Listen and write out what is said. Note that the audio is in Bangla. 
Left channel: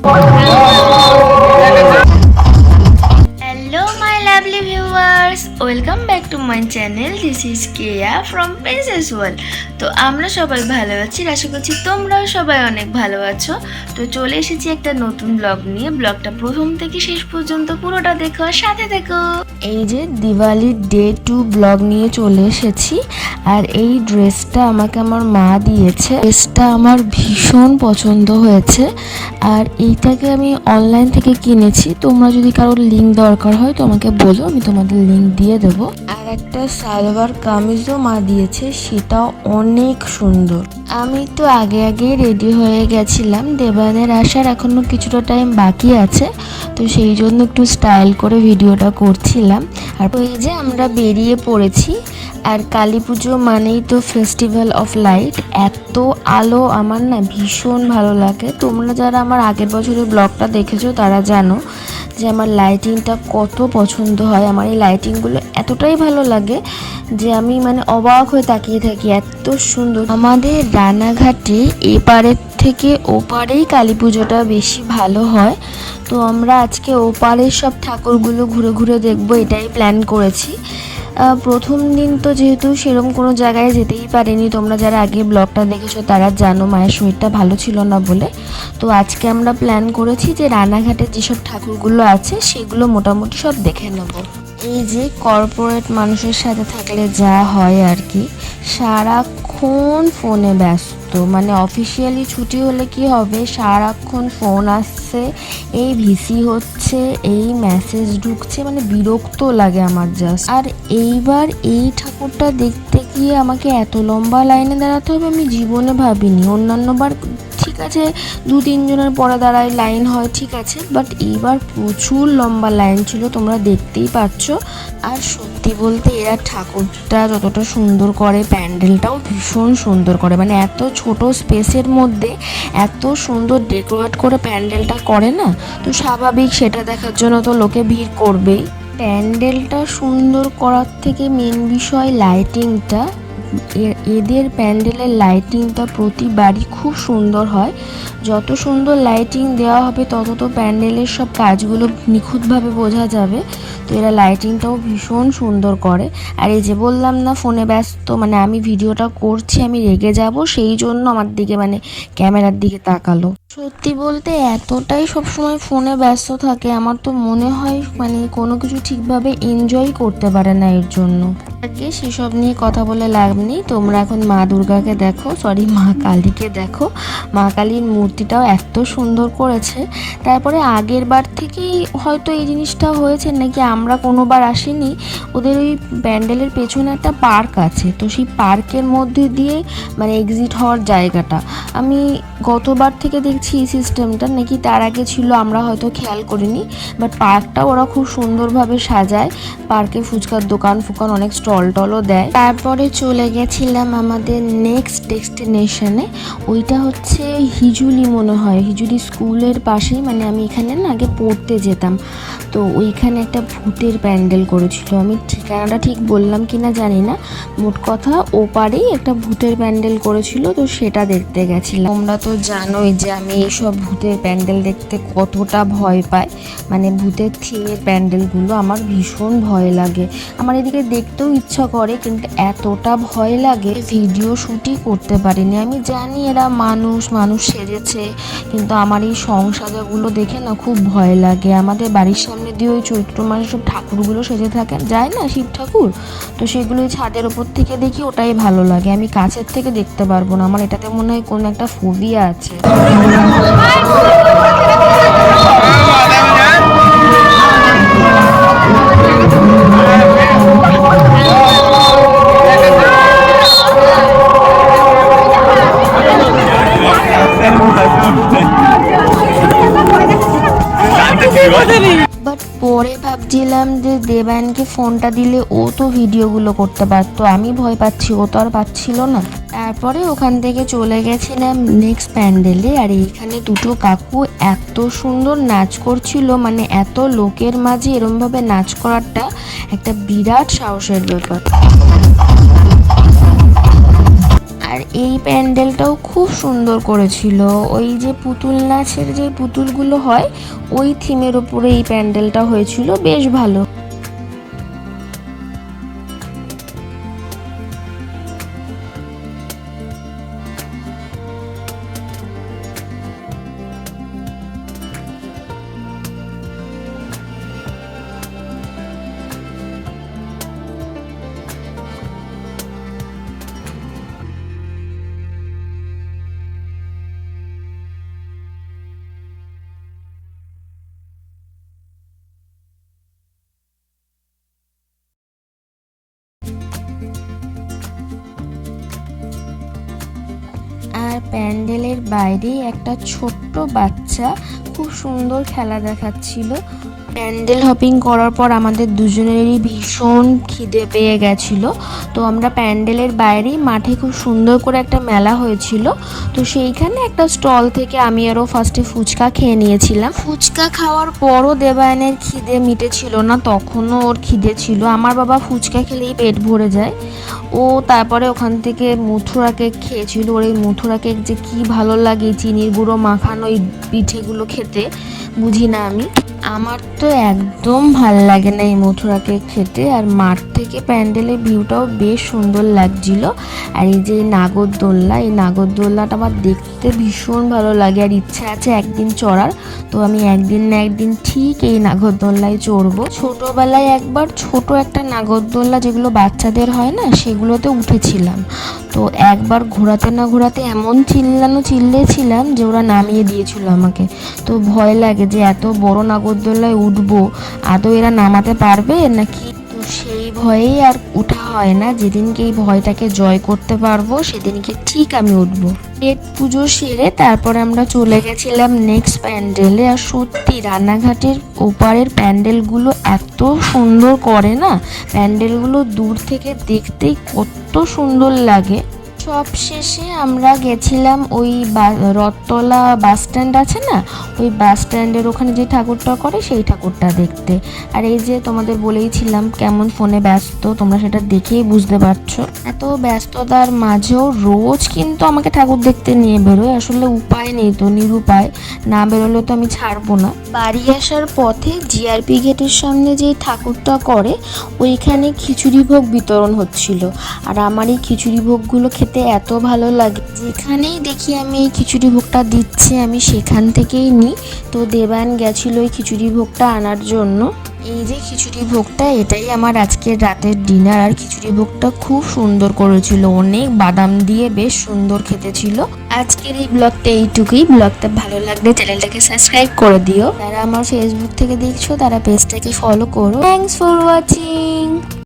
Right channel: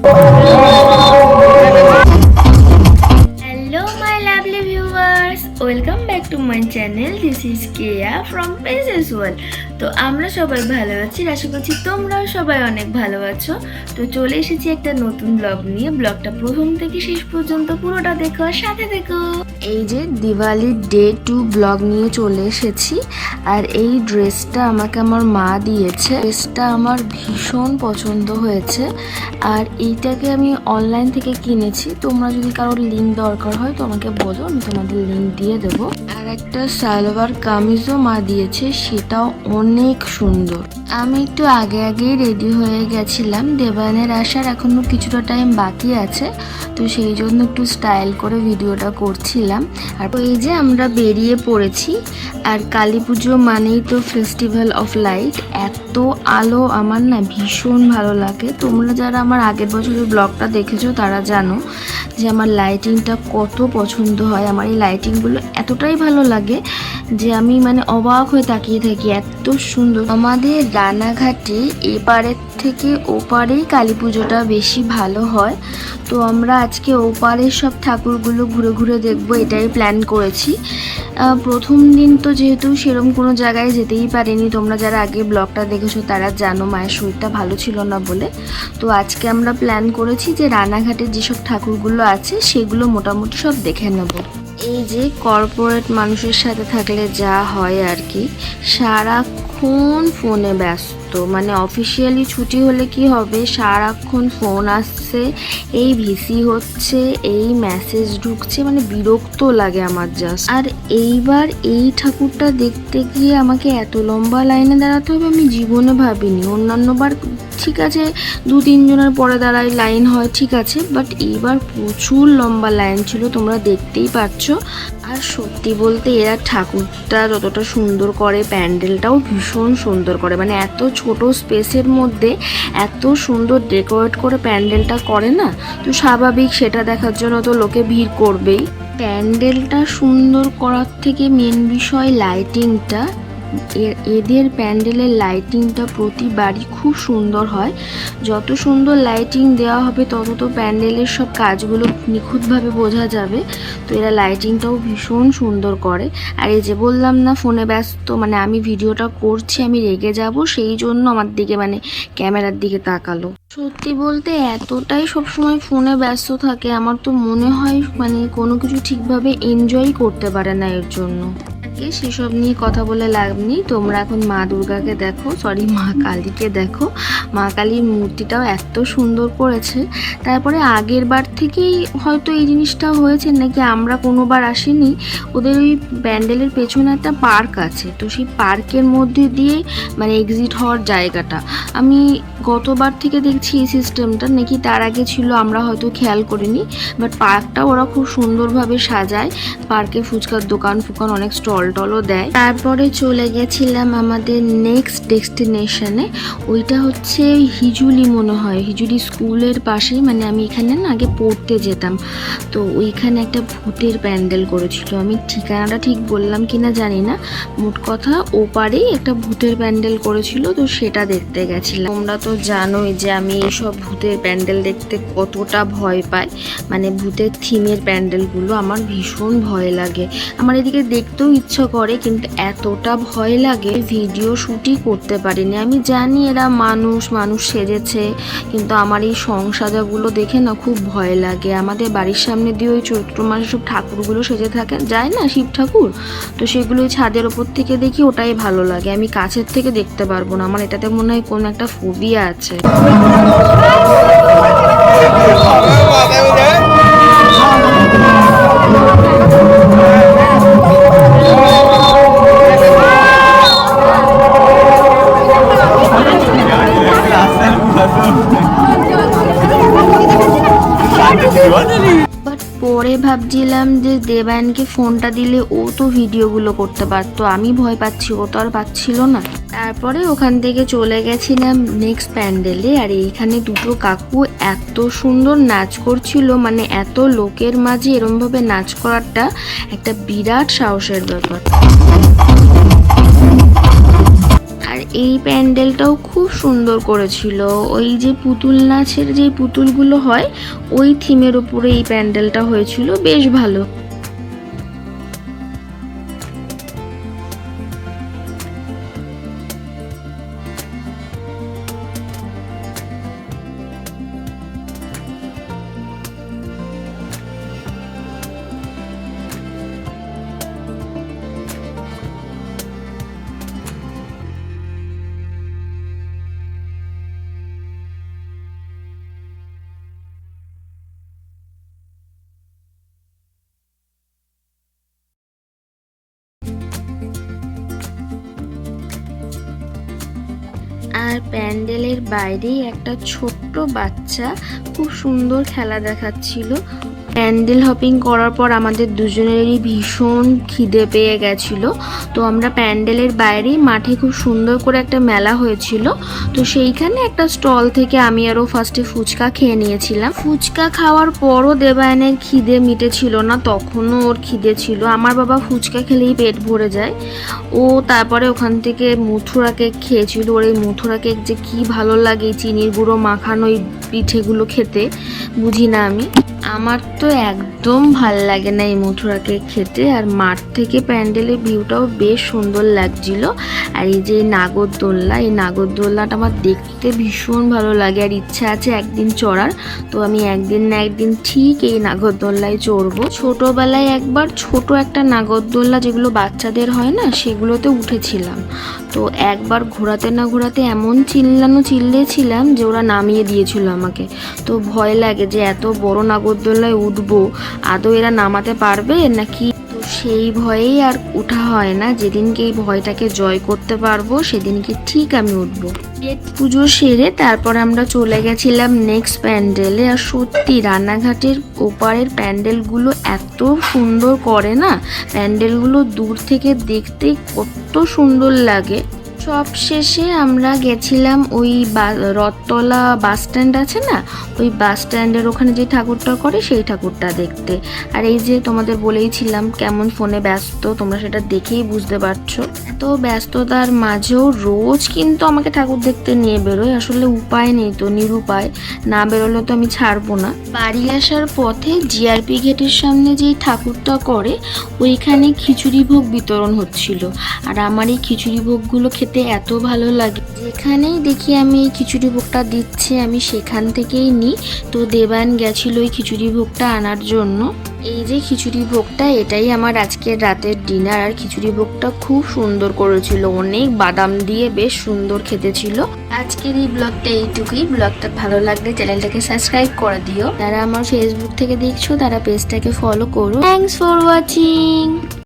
Hello my lovely viewers, welcome back to my channel. This is Keya from Princess World. তো আমরা সবাই ভালো আছি, আশা করছি তোমরাও সবাই অনেক ভালো আছো। তো চলে এসেছি একটা নতুন ব্লগ নিয়ে। ব্লগটা প্রথম থেকে শেষ পর্যন্ত পুরোটা দেখো, সাথে দেখো। এই যে দিওয়ালির ডে 2 ব্লগ নিয়ে চলে এসেছি। আর এই ড্রেসটা আমাকে আমার মা দিয়েছে। ড্রেসটা আমার ভীষণ পছন্দ হয়েছে। আর এইটাকে আমি অনলাইন থেকে কিনেছি। তোমরা যদি কারোর লিঙ্ক দরকার হয় তো আমাকে বলো, আমি তোমাদের লিঙ্ক দিয়ে দেবো। আর একটা সালোয়ার কামিজও মা দিয়েছে, সেটাও অনেক সুন্দর। আমি একটু আগে রেডি হয়ে গেছিলাম। দেবানের আসার এখনো কিছুটা টাইম বাকি আছে, তো সেই জন্য একটু স্টাইল করে ভিডিওটা করছিলাম। আর এই যে আমরা বেরিয়ে পড়েছি। আর কালী পুজো মানেই তো ফেস্টিভ্যাল অফ লাইট। এত আলো আমার না ভীষণ ভালো লাগে। তোমরা যারা আমার আগের বছরের ব্লগটা দেখেছো তারা জানো যে আমার লাইটিংটা কত পছন্দ হয়। আমার এই লাইটিংগুলো এতটাই ভালো লাগে যে আমি মানে অবাক হয়ে তাকিয়ে থাকি, এত সুন্দর। আমাদের রানাঘাটে এপারের থেকে ওপারেই কালী পুজোটা বেশি ভালো হয়। তো আমরা আজকে ওপারের সব ঠাকুরগুলো ঘুরে ঘুরে দেখবো, এটাই প্ল্যান করেছি। প্রথম দিন তো যেহেতু সেরকম কোনো জায়গায় যেতেই পারিনি, তোমরা যারা আগে ব্লগটা দেখেছো তারা জানো মায়ের শরীরটা ভালো ছিল না বলে। তো আজকে আমরা প্ল্যান করেছি যে রানাঘাটে যেসব ঠাকুরগুলো আছে সেগুলো মোটামুটি সব দেখে নেব। এই যে কর্পোরেট মানুষের সাথে থাকলে যা হয় আর কি, সারাক্ষণ ফোনে ব্যস্ত। মানে অফিসিয়ালি ছুটি হলে কি হবে, সারাক্ষণ ফোন আসছে, এই ভিসি হচ্ছে, এই মেসেজ ঢুকছে, মানে বিরক্ত লাগে আমার জাস্ট। আর এইবার এই ঠাকুরটা দেখতে গিয়ে আমাকে এত লম্বা লাইনে দাঁড়াতে হবে আমি জীবনে ভাবিনি। অন্যান্যবার ঠিক আছে 2-3 জনের পরে দাঁড়ায় লাইন হয়, ঠিক আছে, বাট এইবার প্রচুর লম্বা লাইন ছিল, তোমরা দেখতেই পাচ্ছ। আর সত্যি বলতে এরা ঠাকুরটা যতটা সুন্দর করে, প্যান্ডেলটাও ভীষণ সুন্দর করে। মানে এত ছোট স্পেসের মধ্যে এত সুন্দর ডেকোরেট করে প্যান্ডেলটা করে না, তো স্বাভাবিক সেটা দেখার জন্য তো লোকে ভিড় করবেই। প্যান্ডেলটা সুন্দর করার থেকে মেন বিষয় লাইটিংটা। এদের প্যান্ডেলের লাইটিংটা প্রতিবারই খুব সুন্দর হয়। যত সুন্দর লাইটিং দেওয়া হবে তত তো প্যান্ডেলের সব কাজগুলো নিখুঁতভাবে বোঝা যাবে। তো এরা লাইটিংটাও ভীষণ সুন্দর করে। আর এই যে বললাম না ফোনে ব্যস্ত, মানে আমি ভিডিওটা করছি আমি রেগে যাব, সেই জন্য আমার দিকে মানে ক্যামেরার দিকে তাকালো। সত্যি বলতে এতটাই সবসময় ফোনে ব্যস্ত থাকে, আমার তো মনে হয় মানে কোনো কিছু ঠিকভাবে এনজয় করতে পারে না এর জন্য। আগে সেসব নিয়ে কথা বলে লাভ নেই। তোমরা এখন মা দুর্গাকে দেখো, সরি মা কালীকে দেখো। মা কালীর মূর্তিটাও এত সুন্দর করেছে। তারপরে আগের বার থেকেই হয়তো এই জিনিসটা হয়েছে নাকি, আমরা কোনোবার আসিনি। ওদের ওই প্যান্ডেলের পেছনে একটা পার্ক আছে, তো সেই পার্কের মধ্যে দিয়ে মানে এক্সিট হওয়ার জায়গাটা আমি গতবার থেকে দেখছি এই সিস্টেমটা নাকি তার আগে ছিল, আমরা হয়তো খেয়াল করিনি। বাট পার্কটা ওরা খুব সুন্দরভাবে সাজায়। পার্কে ফুচকার দোকান ফুকান অনেক স্টল টলও দেয়। তারপরে চলে গেছিলাম আমাদের নেক্সট ডেস্টিনেশনে। ওইটা হচ্ছে হিজুলি মনে হয়, হিজুলি স্কুলের পাশেই। মানে আমি এখানে না আগে পড়তে যেতাম, তো ওইখানে একটা ভূতের প্যান্ডেল করেছিল। আমি ঠিকানাটা ঠিক বললাম কিনা জানি না, মোট কথা ওপারেই একটা ভূতের প্যান্ডেল করেছিল, তো সেটা দেখতে গেছিলাম। তোমরা তো জানোই যে আমি এইসব ভূতের প্যান্ডেল দেখতে কতটা ভয় পাই। মানে ভূতের থিমের প্যান্ডেলগুলো আমার ভীষণ ভয় লাগে। আমার এদিকে দেখতেও ইচ্ছা করে, কিন্তু এতটা ভয় লাগে ভিডিও শ্যুটই করতে পারিনি। আমি জানি এরা মানুষ সেজেছে, কিন্তু আমার এই সংসাজাগুলো দেখে না খুব ভয় লাগে। আমাদের বাড়ির সামনে দিয়ে ওই চৈত্র মাসে সব ঠাকুরগুলো সেজে থাকে যায় না, শিব ঠাকুর, তো সেগুলো ছাদের ওপর থেকে দেখি, ওটাই ভালো লাগে। আমি কাছের থেকে দেখতে পারবো না, আমার এটাতে মনে হয় কোনো একটা ফোবিয়া আছে। বাট পরে ভাবছিলাম যে দেবায়নকে ফোনটা দিলে ও তো ভিডিওগুলো করতে পারতো, আমি ভয় পাচ্ছি, ও তো আর পাচ্ছিল না। তারপরে ওখান থেকে চলে গেছিলাম নেক্সট প্যান্ডেলে। আর এইখানে দুটো কাকু এত সুন্দর নাচ করছিল, মানে এত লোকের মাঝে এরমভাবে নাচ করাটা একটা বিরাট সাহসের ব্যাপার। আর এই প্যান্ডেলটাও খুব সুন্দর করেছিল। ওই যে পুতুল নাচের যে পুতুলগুলো হয় ওই থিমের ওপরে এই প্যান্ডেলটা হয়েছিল, বেশ ভালো। আর প্যান্ডেলের বাইরেই একটা ছোট্ট বাচ্চা খুব সুন্দর খেলা দেখাচ্ছিল। প্যান্ডেল হপিং করার পর আমাদের দুজনেরই ভীষণ খিদে পেয়ে গেছিল। তো আমরা প্যান্ডেলের বাইরেই মাঠে খুব সুন্দর করে একটা মেলা হয়েছিল, তো সেইখানে একটা স্টল থেকে আমি আরও ফার্স্টে ফুচকা খেয়ে নিয়েছিলাম। ফুচকা খাওয়ার পরও দেবায়নের খিদে মিটেছিল না, তখনও ওর খিদে ছিল। আমার বাবা ফুচকা খেলেই পেট ভরে যায়। ও তারপরে ওখান থেকে মথুরা কেক খেয়েছিল। ওর এই মথুরা কেক যে কি ভালো লাগে, চিনির গুঁড়ো মাখানো এই পিঠেগুলো খেতে, বুঝি না আমি। আমার তো একদম ভাল লাগে না এই মথুরা কেক খেতে। আর মাঠ থেকে প্যান্ডেলের ভিউটাও বেশ সুন্দর লাগছিল। আর এই যে নাগরদোল্লা, এই নাগরদোল্লাটা আমার দেখতে ভীষণ ভালো লাগে, আর ইচ্ছা আছে একদিন চড়ার। তো আমি একদিন না একদিন ঠিক এই নাগরদোল্লায় চড়বো। ছোটোবেলায় একবার ছোট একটা নাগরদোল্লা যেগুলো বাচ্চাদের হয় না, সেগুলোতে উঠেছিলাম। তো একবার ঘোরাতে না ঘোরাতে এমন চিল্লেছিলাম যে ওরা নামিয়ে দিয়েছিল আমাকে। তো ভয় লাগে যে এত বড় নাগরদোল্লায় উঠবো, আদৌ এরা নামাতে পারবে নাকি। তো সেই ভয়েই আর ওঠা হয় না। যেদিনকে এই ভয়টাকে জয় করতে পারবো সেদিনকে ঠিক আমি উঠবো। পেট পুজো সেরে তারপর আমরা চলে গেছিলাম নেক্সট প্যান্ডেলে। আর সত্যি রান্নাঘাটের ওপারের প্যান্ডেলগুলো এত সুন্দর করে না, প্যান্ডেলগুলো দূর থেকে দেখতেই কত সুন্দর লাগে। সব শেষে আমরা গেছিলাম ওই রথতলা বাস স্ট্যান্ড আছে না, ওই বাস স্ট্যান্ডের ওখানে যে ঠাকুরটা করে সেই ঠাকুরটা দেখতে। আর এই যে তোমাদের বলেইছিলাম কেমন ফোনে ব্যস্ত, তোমরা সেটা দেখেই বুঝতে পারছো। এত ব্যস্ততার মাঝেও রোজ কিন্তু আমাকে ঠাকুর দেখতে নিয়ে বেরোয়। আসলে উপায় নেই, তো নিরুপায়, না বেরোলে তো আমি ছাড়বো না। বাড়ি আসার পথে জিআরপি গেটের সামনে যে ঠাকুরটা করে ওইখানে খিচুড়ি ভোগ বিতরণ হচ্ছিল। আর আমার এই খিচুড়ি ভোগগুলো খেতে এত ভালো লাগে, যেখানেই দেখি আমি এই খিচুড়ি ভোগটা দিচ্ছে আমি সেখান থেকেই নিই। তো দেবায়ন গেছিল ওই খিচুড়ি ভোগটা আনার জন্য। এই যে খিচুড়ি ভোগটা, এটাই আমার আজকের রাতের ডিনার। আর খিচুড়ি ভোগটা খুব সুন্দর করেছিল, অনেক বাদাম দিয়ে বেশ সুন্দর খেতে ছিল। আজকের এই ব্লগটা এইটুকুই। ব্লগটা ভালো লাগলে চ্যানেলটাকে সাবস্ক্রাইব করে দিও। যারা আমার ফেসবুক থেকে দেখছো তারা পেজটাকে ফলো করো। Thanks for watching.